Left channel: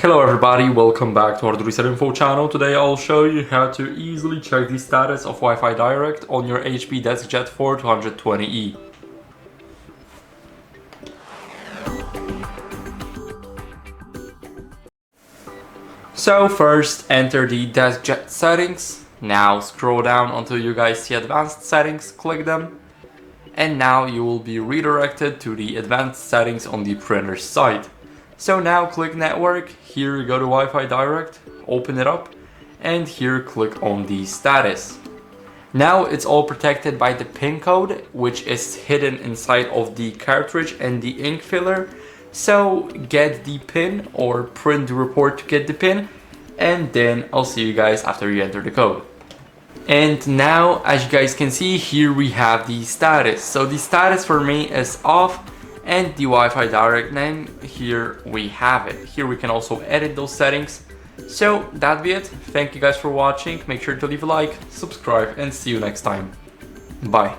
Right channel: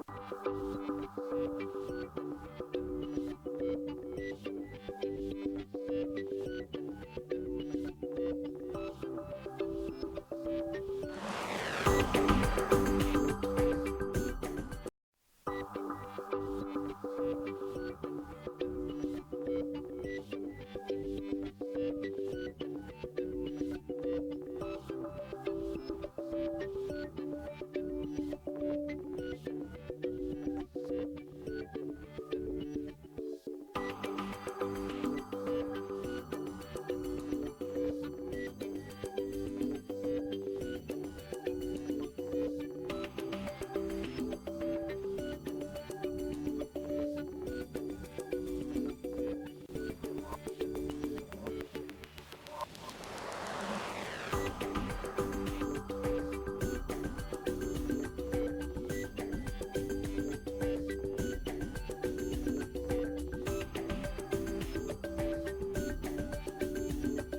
Hello everybody, welcome back to HardReset.Info channel. Today I'll show you how to easily check the status of Wi-Fi Direct on your HP DeskJet 4220e. So first enter the DeskJet settings. Now scroll down until you guys see advanced settings, click them. And now you will be redirected to the advanced settings on the printer side. So now click network, here you go to Wi-Fi Direct, open it up, and here click on the status. Now it's all protected by the PIN code, which is hidden inside of the cartridge and the ink filler. So get the PIN or print the report to get the PIN, and then I'll see you guys after you enter the code. And now, as you guys can see, here we have the status. So the status for me is off, and the Wi-Fi Direct name, here we have it. Here we can also edit those settings. So that'd be it. Thank you guys for watching. Make sure to leave a like, subscribe, and see you next time. Bye.